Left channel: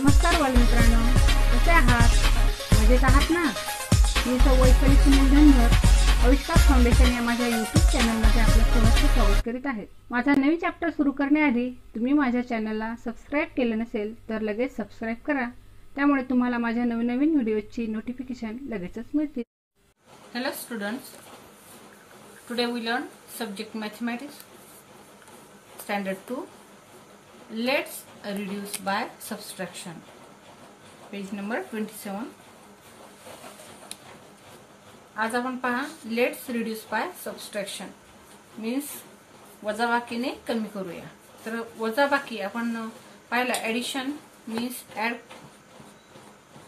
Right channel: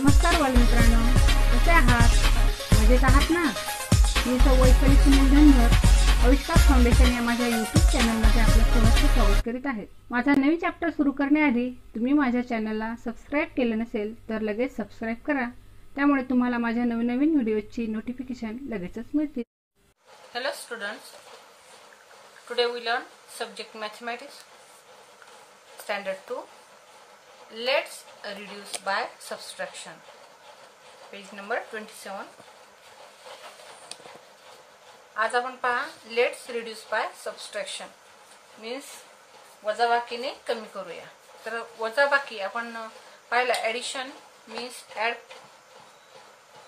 नमस्कार बालमित्रांनो, कसे आहात? मजेत आहात ना? मी वैशाली सुनील धनगर आविष्कार फाउंडेशन या माझ्या यूट्यूब चॅनलमध्ये आपलं सहर्ष स्वागत करीत आहे। माझा नवीन चॅप्टर सुरू करण्याआधी तुम्ही माझ्या चॅनलला सबस्क्राइब केले नसेल तर लगेच सबस्क्राइब करा, त्यामुळे तुम्हाला माझ्या नवीन व्हिडिओची नोटिफिकेशन लगेचच मिळतील। Hello students, today we learn subject mathematics standard 2. Let's reduce by subtraction. Page number 27. आज आपण पहा let's reduce by subtraction means वजाबाकीने कमी करूया। तर वजाबाकी आपण पाहिला ॲडिशन मीन्स ॲड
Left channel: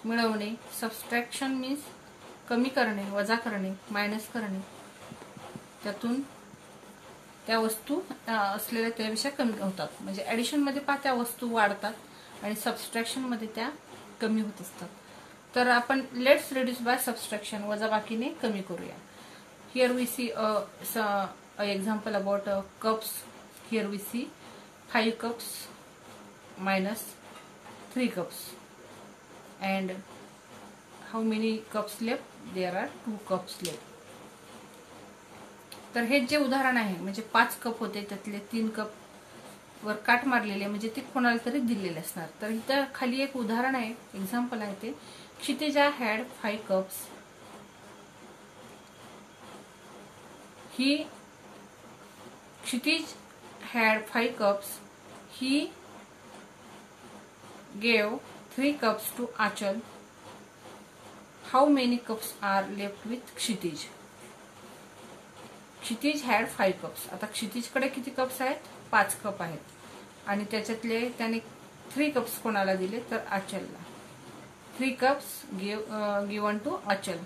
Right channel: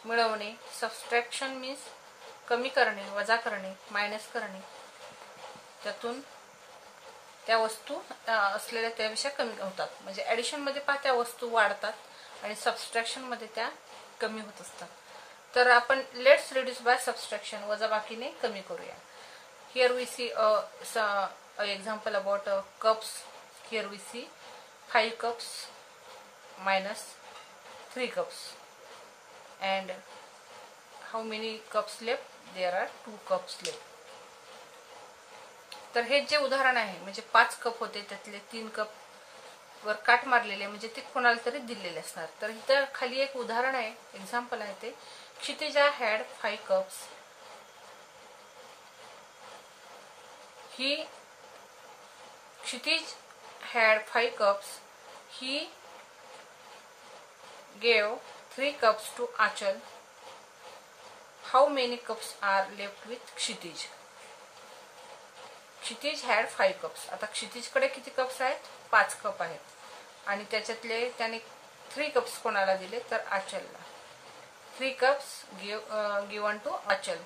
मिळवणे, सबस्ट्रॅक्शन मीन्स कमी करणे, वजा करणे, मायनस करणे, त्यातून त्या वस्तू असलेल्या त्यापेक्षा कमी होतात। म्हणजे ॲडिशन मध्ये पहा त्या वस्तू वाढतात आणि सबस्ट्रॅक्शन मध्ये त्या कमी होत असतात। तर आपण लेट्स रिड्यूस बाय सबस्ट्रॅक्शन वजाबाकीने कमी करूया। Here we see a example about cups. Here we see 5 cups minus 3 cups and how many cups left? There are 2 cups left. तर हे जे उदाहरण आहे म्हणजे 5 कप होते त्यातले 3 कप वर काट मारलेले म्हणजे ते कोणाला तरी दिलेले असणार। तर इथं खाली एक उदाहरण आहे, एक्झाम्पल आहे ते Kshitija had 5 cups. Kshitij had 5 cups. He gave 3 cups to Achal. How many cups are left with Kshitij? Kshitij had 5 cups. आता क्षितिजकडे किती कप्स आहेत? 5 कप आहेत आणि त्याच्यातले त्याने 3 कप्स कोणाला दिले तर आचलला। 3 cups given to आचल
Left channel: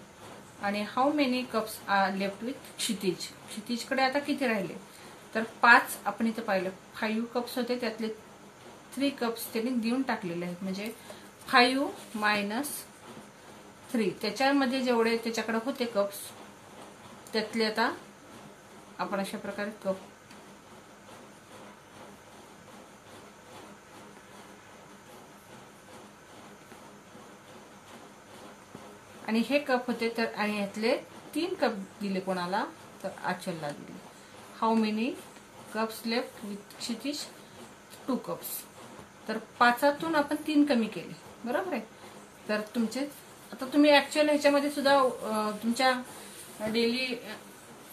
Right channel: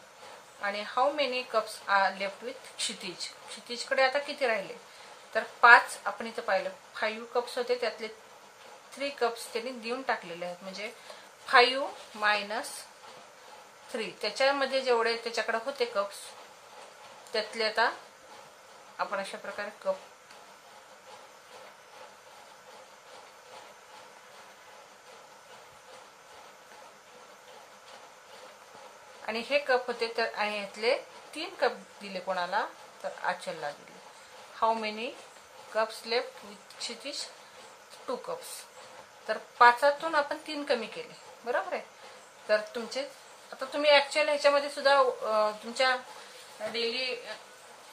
आणि how many cups are left with Kshitij? क्षितिजकडे आता किती राहिले तर 5। आपण इथं पाहिलं 5 कप्स होते त्यातले 3 कप्स त्यांनी देऊन टाकलेले आहेत म्हणजे 5 मायनस 3 त्याच्यामध्ये जेवढे त्याच्याकडे होते कप्स त्यातले आता आपण अशा प्रकारे कप आणि हे कप होते तर आणि यातले 3 कप दिले कोणाला तर आचलला दिले। How many cups left with Kshitij? 2 cups. तर 5तून आपण 3 कमी केले, बरोबर आहे। तर तुमचे आता तुम्ही ऍक्च्युअल ह्याच्यामध्ये सुद्धा तुमच्या डेली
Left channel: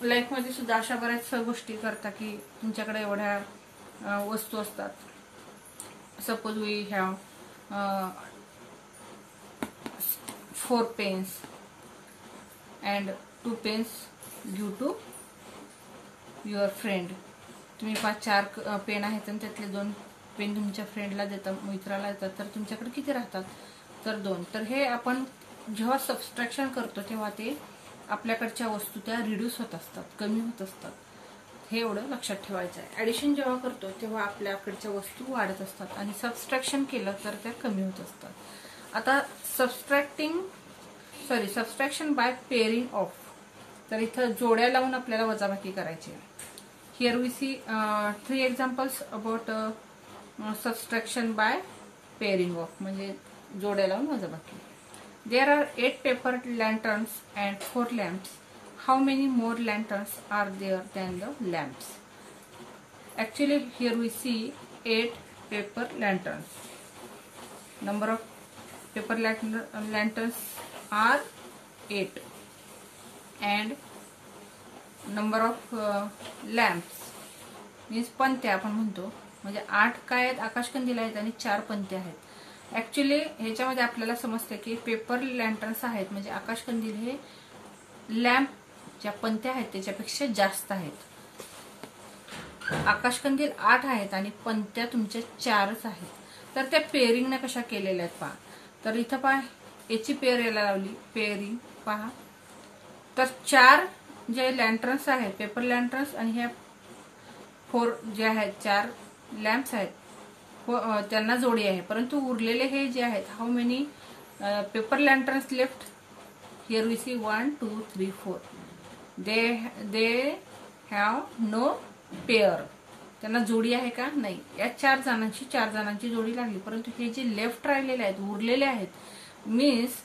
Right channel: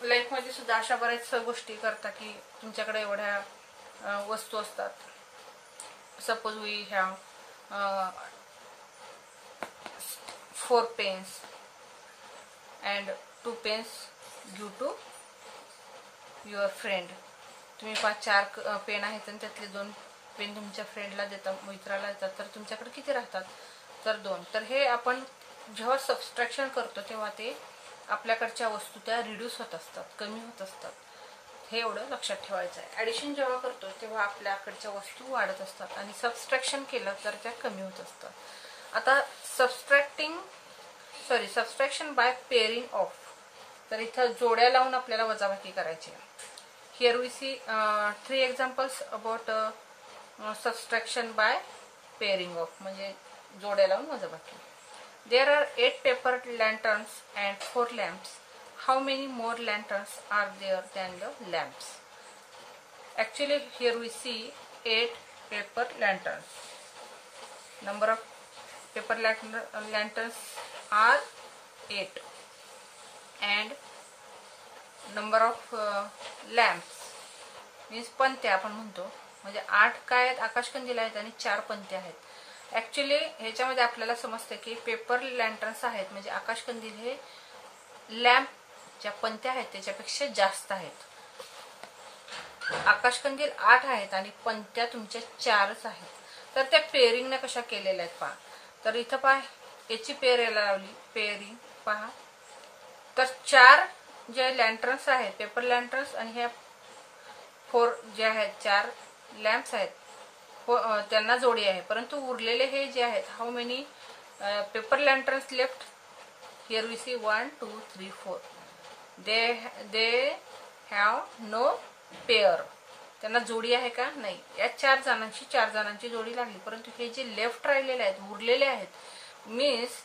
लाईफ मध्ये सुद्धा अशा बऱ्याच गोष्टी करता की तुमच्याकडे एवढ्या वस्तू असतात। Suppose we have 4 pens and 2 pens due to your friend. तुम्ही 4 पेन आहेत आणि त्यातले 2 पेन तुमच्या फ्रेंडला देता, मित्राला देतात, तर तुमच्याकडे किती राहतात तर 2। तर हे आपण जेव्हा सबस्ट्रॅक्शन करतो तेव्हा ते आपल्याकडच्या वस्तू त्या रिड्यूस होत असतात, कमी होत असतात, हे एवढं लक्षात ठेवायचं आहे। ॲडिशन जेव्हा करतो तेव्हा आपल्याकडच्या वस्तू वाढत असतात आणि सबस्ट्रॅक्शन केलं तर त्या कमी होत असतात। आता सबस्ट्रॅक्शन बाय पेअरिंग ऑफ, तर इथं जोड्या लावून आपल्याला वजाबाकी करायची। Here we see 3 examples about subtraction by pairing off म्हणजे जोड्या लावून वजाबाकी। There are 8 paper lanterns and 4 lamps. How many more lanterns are there than the lamps? Actually, here we see 8 paper lanterns. Number of paper lanterns are 8, and number of lamps means पंत्या आपण म्हणतो म्हणजे 8 काय आहेत आकाशकंदील आहेत आणि 4 पंत्या आहेत। Actually ह्याच्यामध्ये आपल्याला समजते की पेपर लँटर्न्स आहेत म्हणजे आकाशकंदील हे लॅम्प ज्या पंत्या आहेत त्याच्यापेक्षा जास्त आहेत। आकाशकंदील 8 आहेत आणि पंत्या तुमच्या 4च आहेत। तर त्या पेअरिंगने कशा केलेल्या आहेत पहा। तर इथं पहा याची पेअर याला लावली, पेअरिंग पहा। तर 4 जे लँटर्न्स आहेत पेपर लँटर्न्स आणि ह्या 4 जे आहेत 4 लॅम्प्स आहेत त्यांना जोडी आहे, परंतु उरलेले हे जे आहेत how many paper lanterns left? Here we see 1 2 3 4 they have no pair. त्यांना जोडी आहे का? नाही. या 4 जणांची जोडी लागली, परंतु हे जे लेफ्ट राहिलेले आहेत, उरलेले आहेत, मीन्स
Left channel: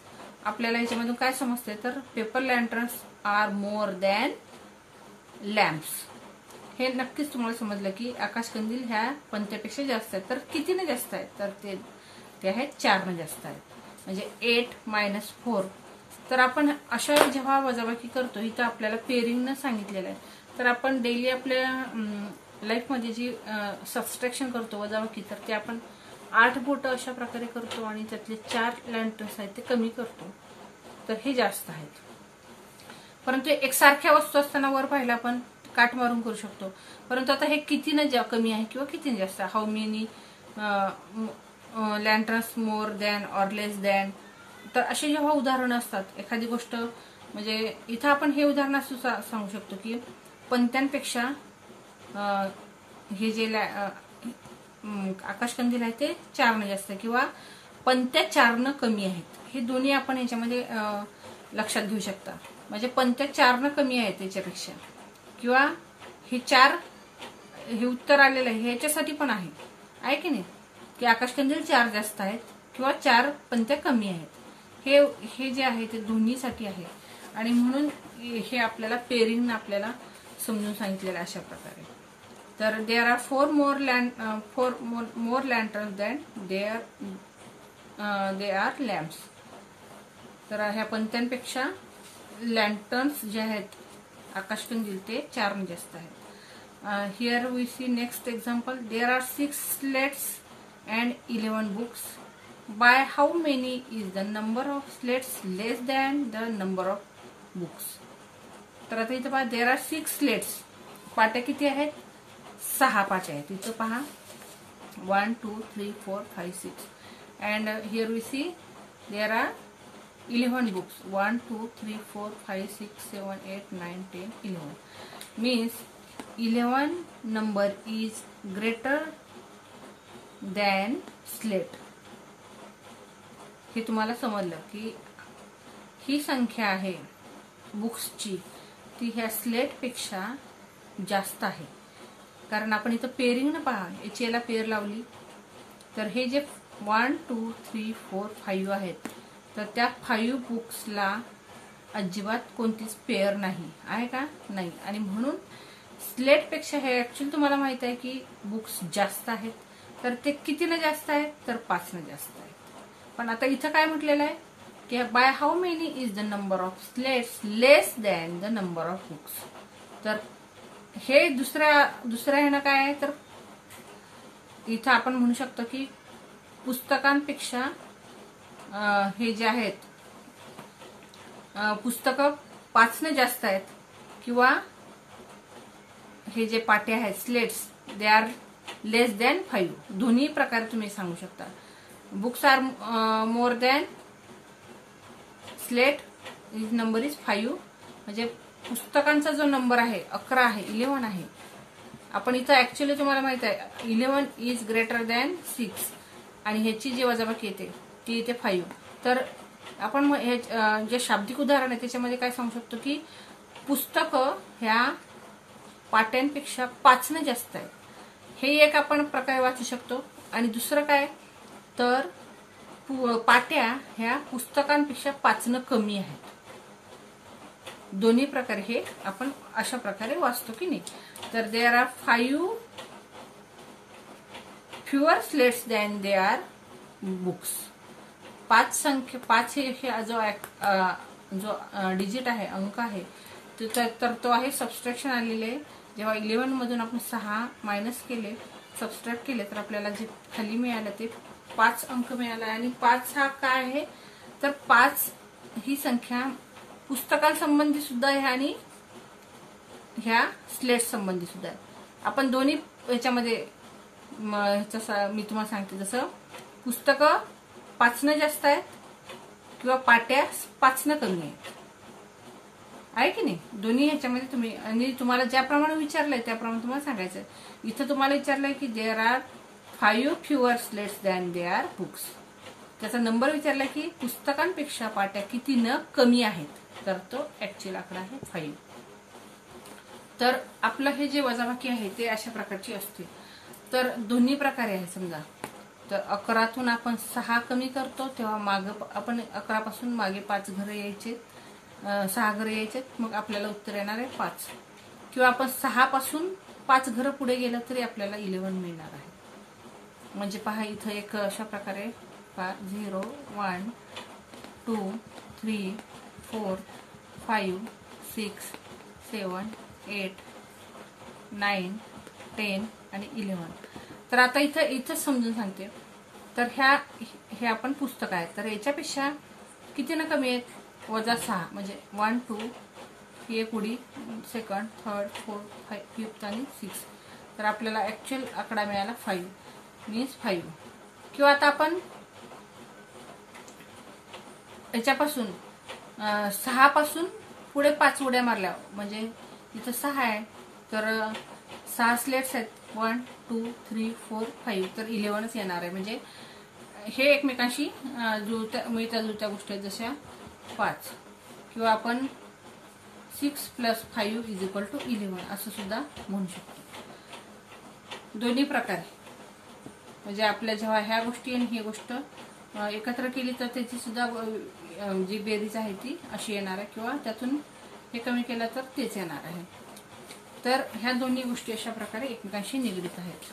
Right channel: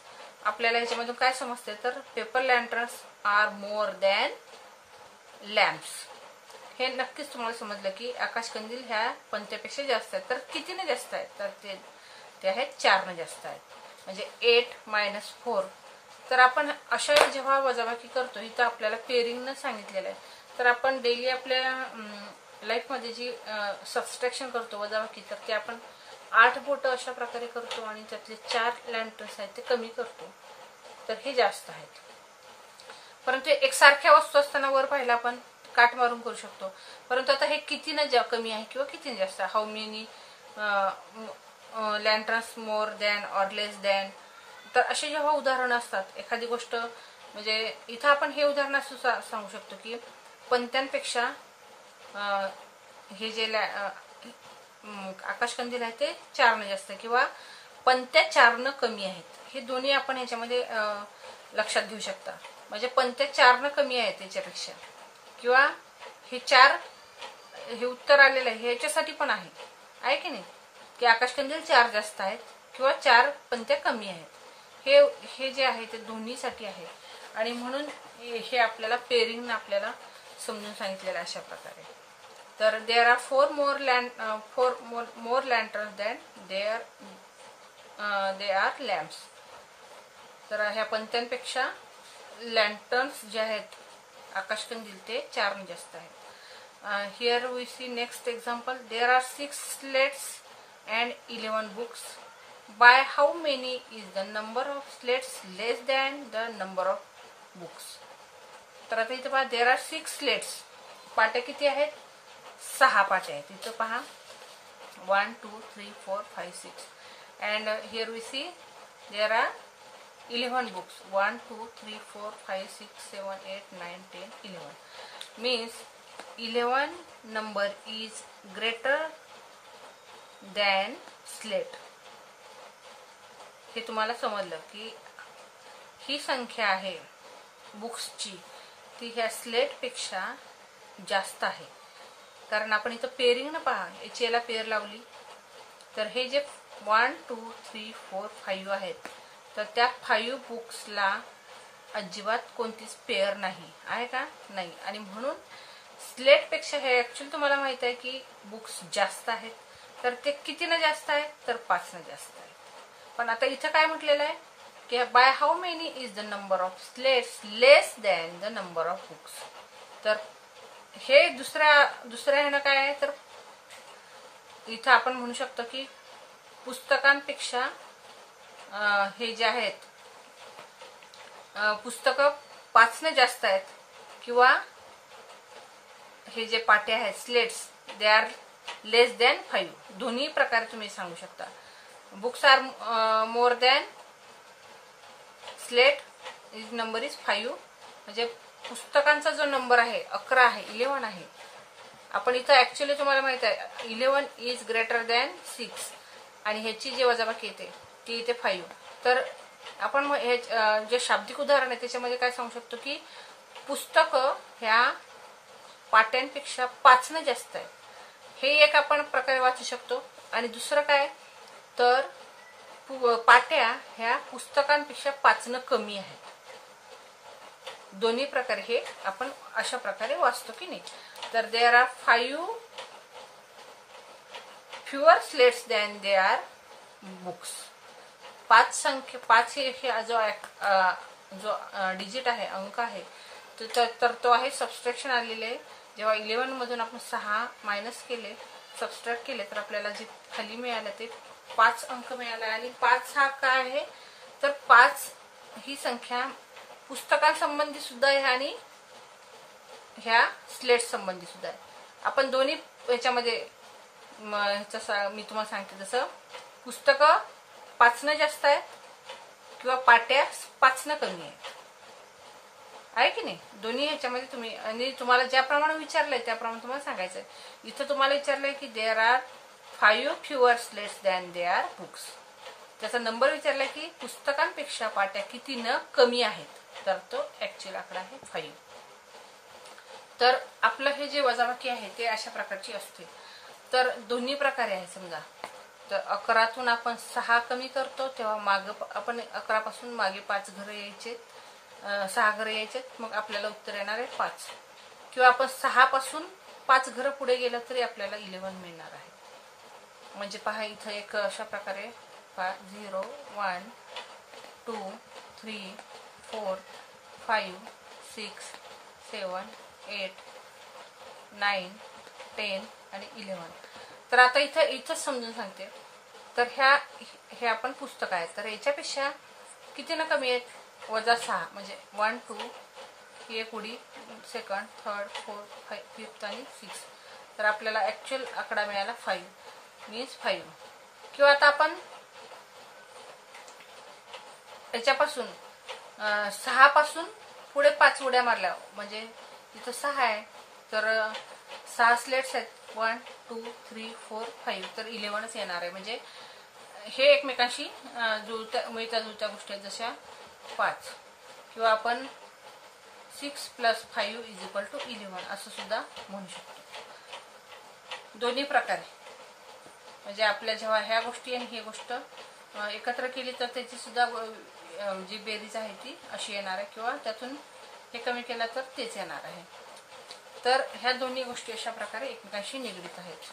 आपल्याला याच्यामधून काय समजते, तर paper lanterns are more than lamps. हे नक्कीच तुम्हाला समजलं की आकाशकंदील ह्या पंत्यापेक्षा जास्त आहेत. तर कितीने जास्त आहेत? तर ते आहेत 4ने जास्त आहेत, म्हणजे 8 - 4. तर आपण अशा जेव्हा वजाबाकी करतो, इथं आपल्याला पेअरिंगनं सांगितलेलं आहे. तर आपण डेली आपल्या लाईफमध्ये जी सबस्ट्रॅक्शन करतो, वजाबाकी, तर ते आपण 8 बोटं अशा प्रकारे करतो आणि त्यातले 4 लँटर्न्स आहेत ते कमी करतो. तर हे जास्त आहेत. परंतु एकसारख्या वस्तू असताना वर पाहिला आपण काट मारून करू शकतो. परंतु आता हे कितीनं कमी आहे किंवा कितीने जास्त आहे, how many lanterns more than or less than. तर असे जेव्हा उदाहरणं असतात, एखादी गोष्ट, म्हणजे इथं आपण हे उदाहरण असं सांगू शकतो की पंत्यांपेक्षा हे जे आकाशकंदील आहे ते 4ने जास्त, किंवा पंत्या 4ने कमी आहेत. हे दोन्ही आपण ह्याच्यामध्ये लक्षात घेऊ शकता. म्हणजे पंत्या 4ने कमी आहेत याच्यापेक्षा, किंवा हे 4, हे उत्तर आलेलं आहे ह्याच्यासाठी पण आहे की नाही, की आकाशकंदील 4 जास्त आहेत किंवा 4 पंत्या कमी आहेत. हे जे आहे ते दोन्हीसाठी आहे. आणि म्हणून हे आपल्याला पेअरिंगनं आपल्याला समजून सांगितलेलं अशा प्रकारे. तर there are 4 more lanterns than they are lamps. तर ह्या पंत्यांपेक्षा लँटर्न्स जे आहेत आकाशकंदील ते 4ने जास्त आहेत. Here we see next example. There are 6 slates and 11 books. By how many is the number of slates less than the number of books. तर आता इथे पहा, देअर आर 6 स्लेट्स. पाट्या किती आहेत? 6 पाट्या आहेत. इथं पहा 1 2 3 4 5 6. And here we see there are 11 books. 1 2 3 4 5 6 7 8 9 10 11. Means 11 number is greater than slate. हे तुम्हाला समजलं की ही संख्या आहे बुक्सची, ती ह्या स्लेटपेक्षा जास्त आहे. कारण आपण इथं पेअरिंगनं पहा, याला पेअर लावली, तर हे जे 1 2 3 4 5 आहेत, तर त्या 5 बुक्सला अजिबात कोणतीच पेअर नाही आहे का? नाही. आणि म्हणून स्लेटपेक्षा हे ऍक्च्युअली तुम्हाला माहित आहे की बुक्स जास्त आहेत. तर ते कितीनं जास्त आहेत? तर 5ने जास्त आहेत. पण आता इथं काय म्हटलेलं आहे की by how many is the number of slates less than the number of books. तर हे दुसऱ्या ह्यानं काय आहे, तर इथं आपण म्हणू शकतो की पुस्तकांपेक्षा हे जे आहेत पुस्तकं 5ने जास्त आहेत, किंवा हे जे पाटे आहेत slates they are less than 5. दोन्ही प्रकारे तुम्ही सांगू शकता. Books R more than slate is number is 5. म्हणजे पुस्तकांचा जो नंबर आहे 11 आहे, 11 आहे. आपण इथं ऍक्च्युअली तुम्हाला माहित आहे 11 इज ग्रेटर दॅन 6, आणि ह्याची जी वजाबाकी येते ती इथे 5. तर आपण हे जे शाब्दिक उदाहरण आहे त्याच्यामध्ये काय सांगू शकतो की पुस्तकं ह्या पाट्यांपेक्षा 5ने जास्त आहे. हे एक आपण प्रकारे वाचू शकतो. आणि दुसरं काय, तर पाट्या ह्या पुस्तकांपेक्षा 5ने कमी आहेत. दोन्ही प्रकारे हे आपण अशा प्रकारे वाचतो की नाही. तर there are 5 fewer slates than they are books. 5 हे जो डिजिट आहे, अंक आहे, तर तो आहे सबस्ट्रॅक्शन आलेले. जेव्हा 11 मधून आपण 6 मायनस केले, सबस्ट्रॅक्ट केले, तर आपल्याला जे खाली मिळालं ते 5 अंक मिळाला. आणि 5 हा काय आहे, तर 5 ही संख्या पुस्तकांसंबंधी सुद्धा आहे आणि ह्या स्लेट संबंधी सुद्धा आहे. आपण दोन्ही ह्याच्यामध्ये मी तुम्हाला सांगते, जसं पुस्तकं 5ने जास्त आहेत किंवा पाट्या 5ने कमी आहेत, आहे की नाही. दोन्ही ह्याच्यामध्ये तुम्ही, आणि तुम्हाला ज्याप्रमाणे विचारलंय त्याप्रमाणे तुम्हाला सांगायचंय. इथं तुम्हाला विचारलंय की there are 5 fewer slates than they are books. त्याचा नंबर विचारला की पुस्तकांपेक्षा पाट्या कितीनं कमी आहेत, तर तो ऍक्च्युअल आकडा आहे 5. तर आपलं हे जे वजाबाकी आहे ते अशा प्रकारची असते. तर दोन्ही प्रकारे आहे. समजा तर 11तून आपण 6 कमी करतो तेव्हा मागं आपण 11पासून मागे 5 घरं यायचे, 6 घरं यायचे, मग आपल्याला उत्तर येणार आहे 5. किंवा आपण 6 पासून 5 घरं पुढे गेलं तरी आपल्याला 11 मिळणार आहे. म्हणजे पहा इथं एक अशा प्रकारे 0 1 2 3 4 5 6 7 8 9 10 आणि 11. तर आता इथं समजून सांगते. तर हे आपण पुस्तक आहे, तर याच्यापेक्षा किती ना कमी आहेत? -6 म्हणजे 1 2 ही एक उडी, सेकंड, थर्ड, फोर्थ, फिफ्थ आणि 6. तर आपल्याला ऍक्च्युअल आकडा मिळाला 5 मीन्स 5. किंवा आता आपण याच्यापासून 6 पासून पुढे 5 उड्या मारल्या, म्हणजे इथं 6 आहे तर 6 स्लेट्स आहेत, 1 2 3 4 5, तर 11च येणार आहे. म्हणजे हे एकमेकांशी मिळत्या जुळत्या गोष्टी आहेत, जशा 5. किंवा आपण 6 + 5 = 11 असं सुद्धा म्हणू शकतो. दोन्ही प्रकारे म्हणजे आपल्या जेव्हा ह्या गोष्टी आणि ही गोष्ट एकत्र केली तर त्याची सुद्धा जी बेरीज आहे ती अशी येणार आहे, किंवा त्यातून हे कमी केलं तर तेच येणार आहे. तर ह्या दोन्ही गोष्टी अशा प्रकारे एकमेकांशी निगडीत आहेत.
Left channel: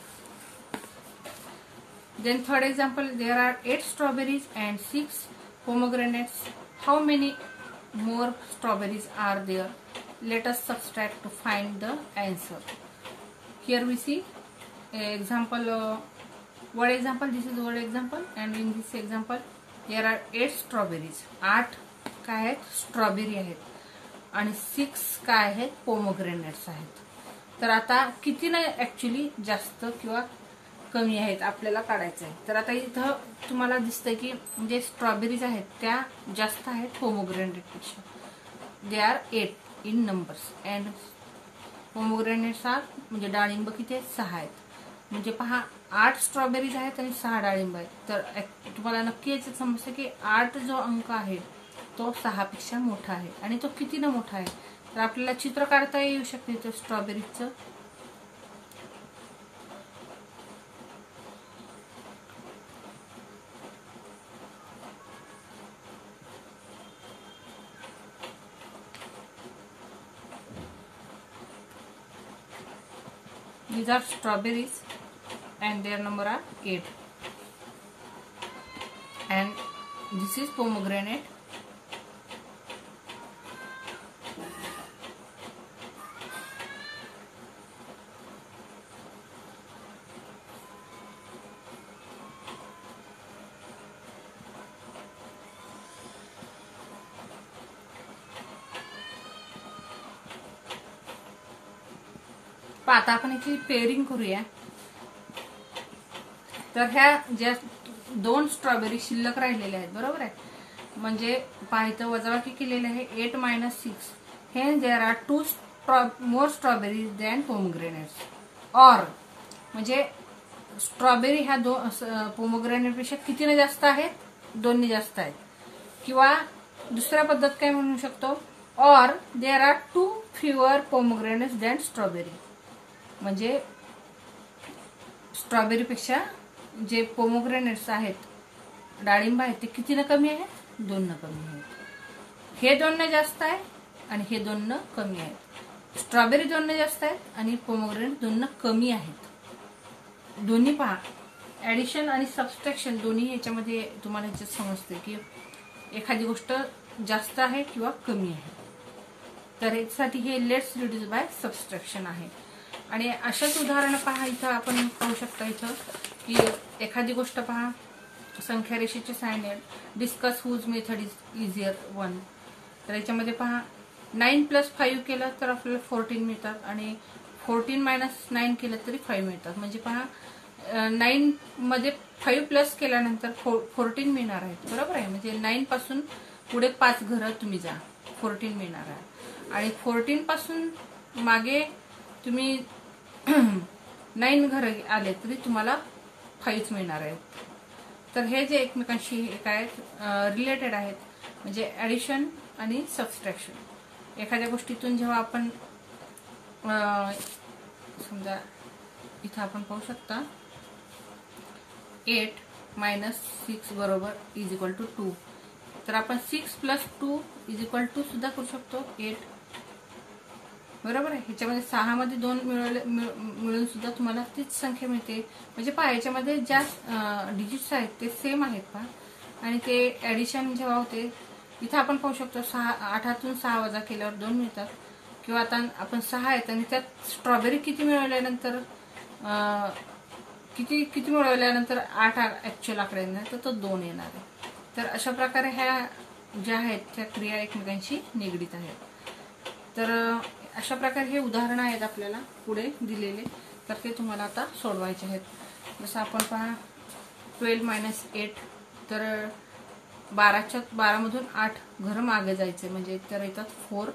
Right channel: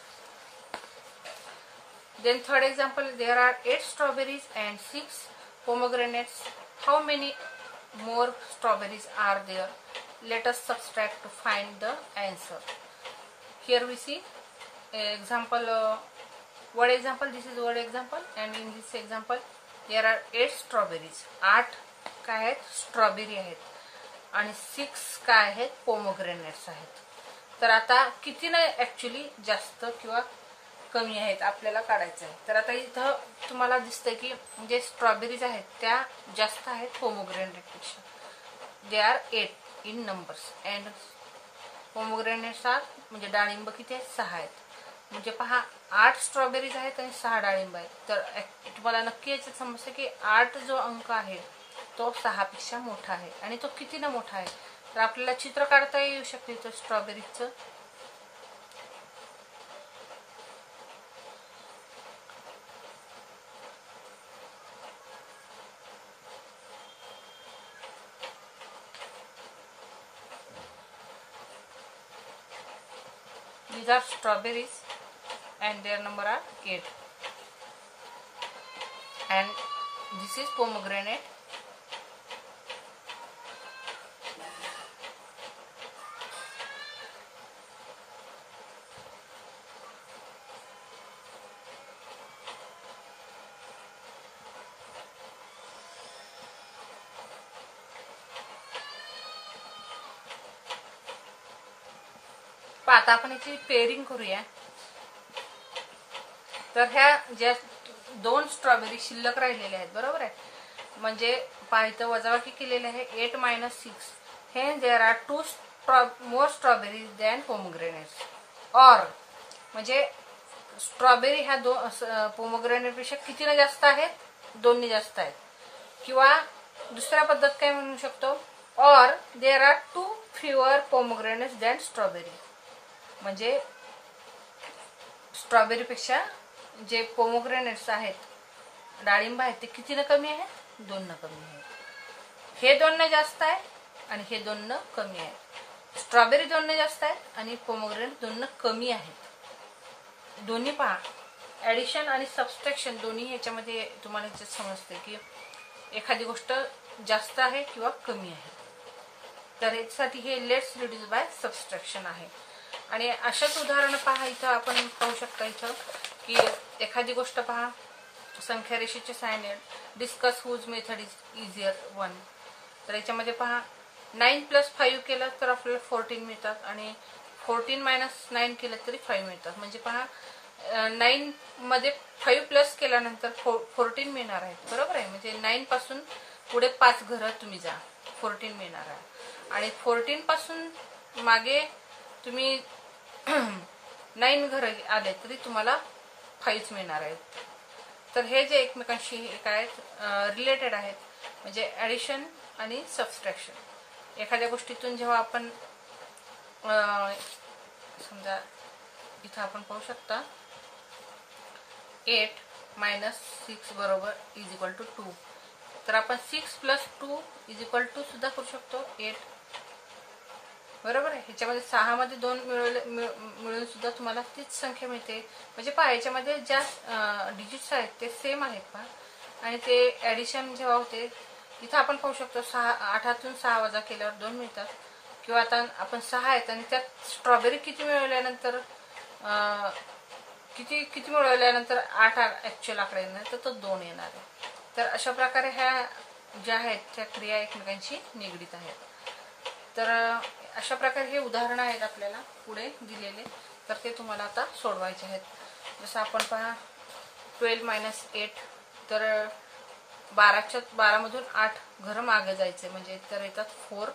Then third example, there are 8 strawberries and 6 pomegranates. How many more strawberries are there? Let us subtract to find the answer. Here we see example, word example. This is word example, and in this example there are 8 strawberries. 8 काय आहेत? Strawberry आहेत, आणि 6 काय आहेत? पोमोग्रेनेट्स आहेत. तर आता किती ना ऍक्च्युली जास्त किंवा कमी आहेत आपल्याला काढायचं आहे. तर आता इथं तुम्हाला दिसतंय की जे स्ट्रॉबेरीज आहेत त्या जास्त आहेत पोमोग्रेनेटपेक्षा. They are 8 in numbers and pomegranates are, म्हणजे डाळिंब किती आहेत? 6 आहेत. म्हणजे पहा 8 स्ट्रॉबेरीज आहेत आणि 6 डाळिंब आहेत. तर तुम्हाला नक्की याचं समजतं की 8 जो अंक आहे तो 6 पेक्षा मोठा आहे. आणि तो किती ना मोठा आहे? तर आपल्याला चित्र काढता येऊ शकते तो स्ट्रॉबेरीचं. These are strawberries and their number are 8. And this is pomegranate. आता आपण याची पेअरिंग करूया. तर ह्या ज्या 2 स्ट्रॉबेरी शिल्लक राहिलेल्या आहेत, बरोबर आहे, म्हणजे पाहिजे वजाबाकी केलेले आहे 8 - 6. हे there are 2 more strawberry than pomegranates. Or म्हणजे स्ट्रॉबेरी ह्या पोमोग्रेनेट पेक्षा कितीने जास्त आहेत? 2ने जास्त आहेत. किंवा दुसऱ्या पद्धत काय म्हणू शकतो? Or there are 2 fewer pomegranates than strawberry. म्हणजे स्ट्रॉबेरी पेक्षा जे पोमोग्रेनेट्स आहेत, डाळिंब आहेत, ते कितीनं कमी आहेत? 2 कमी आहेत. हे 2 जास्त आहे आणि हे 2 कमी आहेत. स्ट्रॉबेरी 2 जास्त आहेत आणि पोमोग्रेनेट 2 कमी आहेत. दोन्ही पहा, ऍडिशन आणि सबस्ट्रॅक्शन दोन्ही ह्याच्यामध्ये तुम्हाला ह्याच्यात समजते की एखादी गोष्ट जास्त आहे किंवा कमी आहे. तर यासाठी हे लेट्स रिड्यूस बाय सबस्ट्रॅक्शन आहे. आणि अशाच उदाहरणं पहा. इथं आपण पाहू शकता इथं की एखादी गोष्ट पहा, संख्या रेषेच्या साहाय्याने discuss whose method is easier 1. तर याच्यामध्ये पहा 9 + 5 केलं तर आपल्याला 14 मिळतात, आणि 14 - 9 केलं तरी 5 मिळतात. म्हणजे पहा 9 मध्ये 5 प्लस केल्यानंतर 14 मिळणार आहेत, बरोबर आहे. म्हणजे 9 पासून पुढे 5 घरं तुम्ही जा, 14 मिळणार आहे. आणि 14 पासून मागे तुम्ही 9 घरं आले तरी तुम्हाला 5 मिळणार आहेत. तर हे जे एकमेकांशी काय आहेत? रिलेटेड आहेत. म्हणजे ऍडिशन आणि सबस्ट्रॅक्शन. एखाद्या गोष्टीतून जेव्हा आपण समजा इथं आपण पाहू शकता 8 मायनस 6 बरोबर इज इक्वल टू 2. तर आपण 6 प्लस 2 इज इक्वल टू सुद्धा करू शकतो 8. बरोबर आहे. ह्याच्यामध्ये 6 मध्ये 2 मिळून सुद्धा तुम्हाला तीच संख्या मिळते. म्हणजे पहा ह्याच्यामध्ये ज्या डिजिट्स आहेत ते सेम आहेत पहा. आणि ते ऍडिशन जेव्हा होते इथं आपण पाहू शकतो 8तून 6 वजा केल्यावर 2 मिळतात. किंवा आता आपण 6 आहेत आणि त्यात स्ट्रॉबेरी किती मिळवल्यानंतर किती मिळवल्यानंतर 8 ऍक्च्युअल आकडा येणार तर तो 2 येणार आहे. तर अशा प्रकारे ह्या ज्या आहेत त्या क्रिया एकमेकांशी निगडीत आहेत. तर अशा प्रकारे हे उदाहरणं आहेत आपल्याला पुढे दिलेले. तर ते तुम्हाला आता सोडवायचे आहेत. जसं आपण पहा 12 मायनस 8 तर 12 मधून 8 घर मागे जायचे म्हणजे तर येतात 4.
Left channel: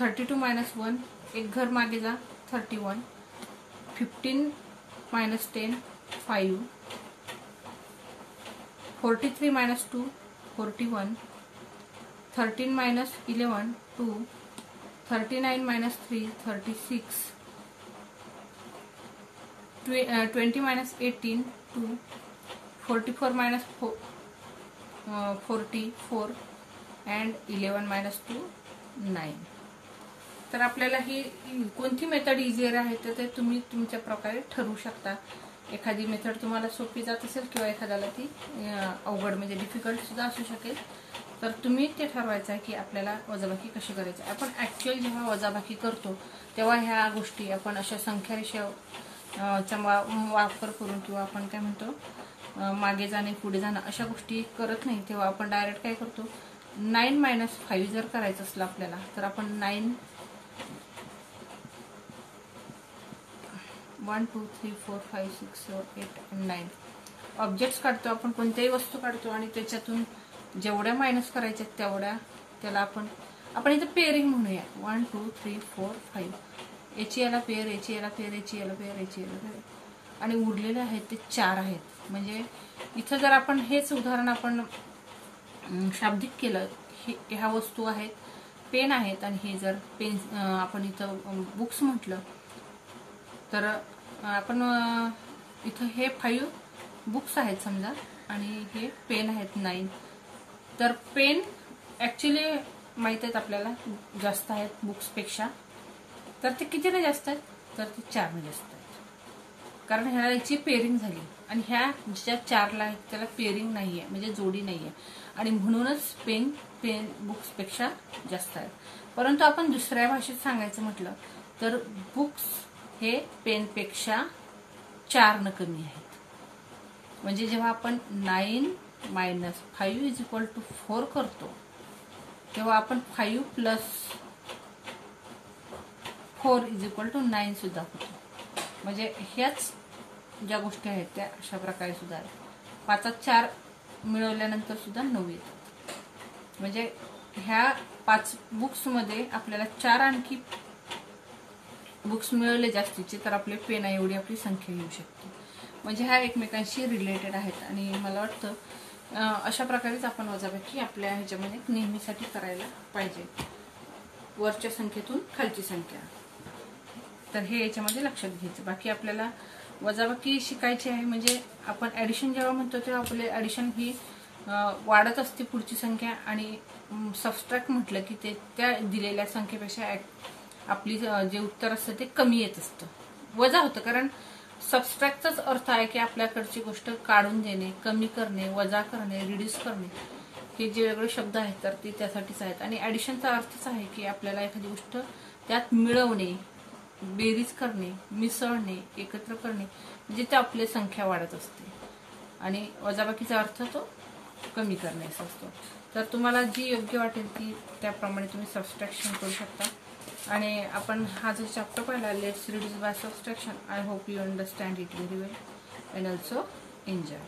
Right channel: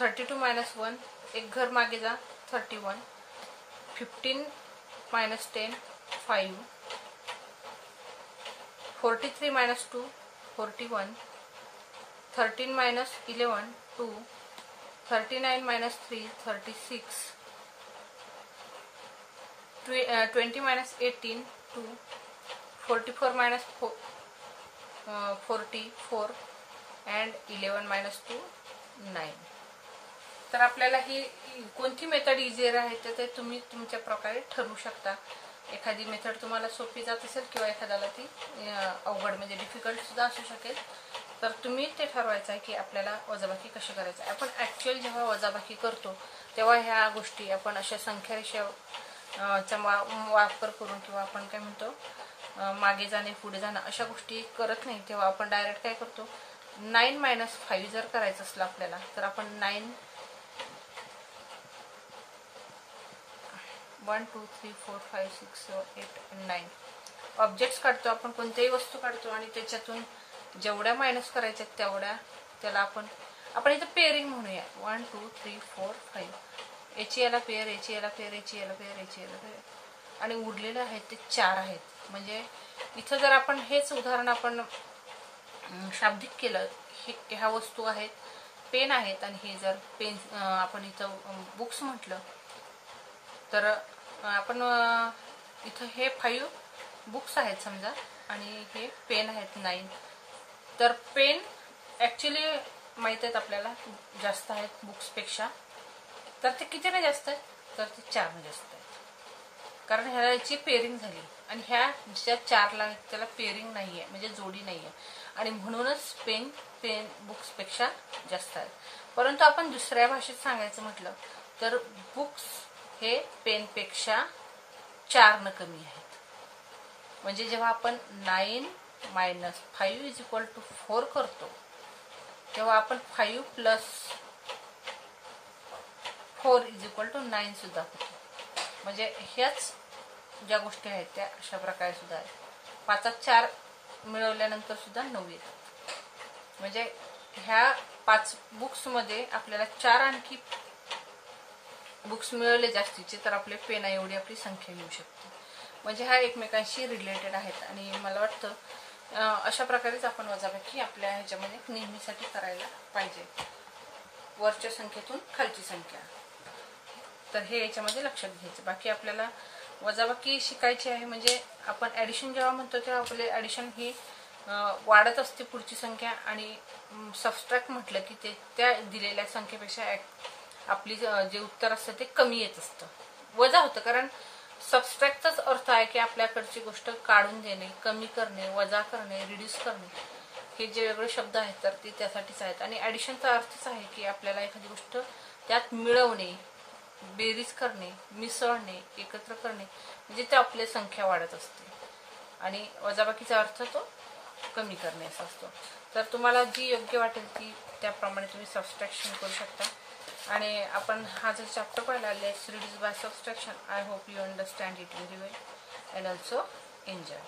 32 मायनस 1 एक घर मागे जा 31. 15 minus 10 5. 43 minus 2 41. 13 minus 11 2. 39 minus 3 36. 20 minus 18 2. 44 minus 44 and 11 minus 2 9. तर आपल्याला ही कोणती मेथड इझियर आहे ते तुम्ही तुमच्या प्रकारे ठरवू शकता. एखादी मेथड तुम्हाला सोपी जात असेल किंवा एखाद्याला ती अवघड म्हणजे डिफिकल्ट सुद्धा असू शकेल. तर तुम्ही ते ठरवायचं आहे की आपल्याला वजाबाकी कशी करायची. आपण ऍक्च्युअल जेव्हा वजाबाकी करतो तेव्हा ह्या गोष्टी आपण अशा संख्यारेषेचा वापर करून किंवा आपण काय म्हणतो मागे जाणे पुढे जाणं अशा गोष्टी करत नाही. तेव्हा आपण डायरेक्ट काय करतो 9 मायनस 5 जर करायचं असलं आपल्याला तर आपण 9 1 2 3 4 5 6 7 8 9 ऑब्जेक्ट्स काढतो. आपण कोणत्याही वस्तू काढतो आणि त्याच्यातून जेवढ्या मायनस करायच्या तेवढ्या त्याला आपण इथं पेअरिंग म्हणूया 1 2 3 4 5. याची याला पेअर याची याला पेअर याची याला पेअर याची याला पेअर आणि उरलेले आहेत ते 4 आहेत. म्हणजे इथं जर आपण हेच उदाहरण आपण शाब्दिक केलं ह्या वस्तू आहेत पेन आहेत आणि हे जर पेन आपण इथं बुक्स म्हटलं तर आपण इथं हे 5 बुक्स आहेत समजा आणि हे पेन आहेत 9. तर पेन ऍक्च्युली माहित आहेत आपल्याला जास्त आहेत बुक्सपेक्षा. तर ते कितीने जास्त आहेत तर ते 4ने जास्त आहेत. कारण ह्याला याची पेअरिंग झाली आणि ह्या ज्या 4ला आहेत त्याला पेअरिंग नाहीये म्हणजे जोडी नाहीये आणि म्हणूनच पेन बुक्सपेक्षा जास्त आहेत. परंतु आपण दुसऱ्या भाषेत सांगायचं म्हटलं तर बुक्स हे पेनपेक्षा 4 कमी आहेत. म्हणजे जेव्हा आपण 9 मायनस 5 इज इक्वल टू 4 करतो तेव्हा आपण 5 प्लस 4 इज इक्वल टू 9 सुद्धा करतो. म्हणजे ह्याच ज्या गोष्टी आहेत त्या अशा प्रकारे सुद्धा आहेत. 5 4 मिळवल्यानंतर सुद्धा 9 येतात. म्हणजे ह्या 5 बुक्समध्ये आपल्याला 4 आणखी बुक्स मिळवले जास्तीचे तर आपले पेना एवढी आपली संख्या येऊ शकते. म्हणजे ह्या एकमेकांशी रिलेटेड आहेत आणि मला वाटतं अशा प्रकारेच आपण वजाबाकी आपल्या ह्याच्यामध्ये नेहमीसाठी करायला पाहिजे. वरच्या संख्येतून खालची संख्या तर हे याच्यामध्ये लक्षात घ्यायचं. बाकी आपल्याला वजाबाकी शिकायची आहे. म्हणजे आपण ऍडिशन जेव्हा म्हणतो तेव्हा आपले ऍडिशन ही वाढत असते पुढची संख्या आणि सबस्ट्रॅक्ट म्हटलं की ते त्या दिलेल्या संख्येपेक्षा आपली जे उत्तर असतं ते कमी येत असतं वजा होतं. कारण सबस्ट्रॅक्टचाच अर्थ आहे की आपल्याकडची गोष्ट काढून देणे कमी करणे वजा करणे रिड्यूस करणे हे जे वेगळे शब्द आहेत तर ते त्यासाठीच आहेत. आणि ऍडिशनचा अर्थच आहे की आपल्याला एखादी गोष्ट त्यात मिळवणे बेरीज करणे मिसळणे एकत्र करणे म्हणजे ते आपली संख्या वाढत असते आणि वजाबाकीचा अर्थ तो कमी करणे असा असतो. तर तुम्हाला जी योग्य वाटेल ती त्याप्रमाणे तुम्ही सबस्ट्रॅक्शन करू शकता. आणि आपण हा जो चॅप्टर पाहिला let's reduce by subtraction I hope you understand it very well and also enjoy.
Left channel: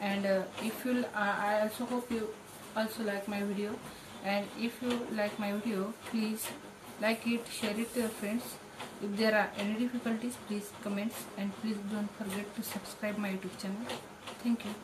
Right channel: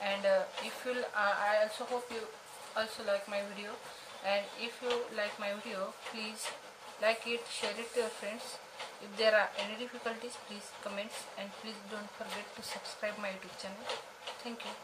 and if you I also hope you also like my video, and if you like my video please like it, share it to your friends. If there are any difficulties please comment and please don't forget to subscribe my YouTube channel. Thank you.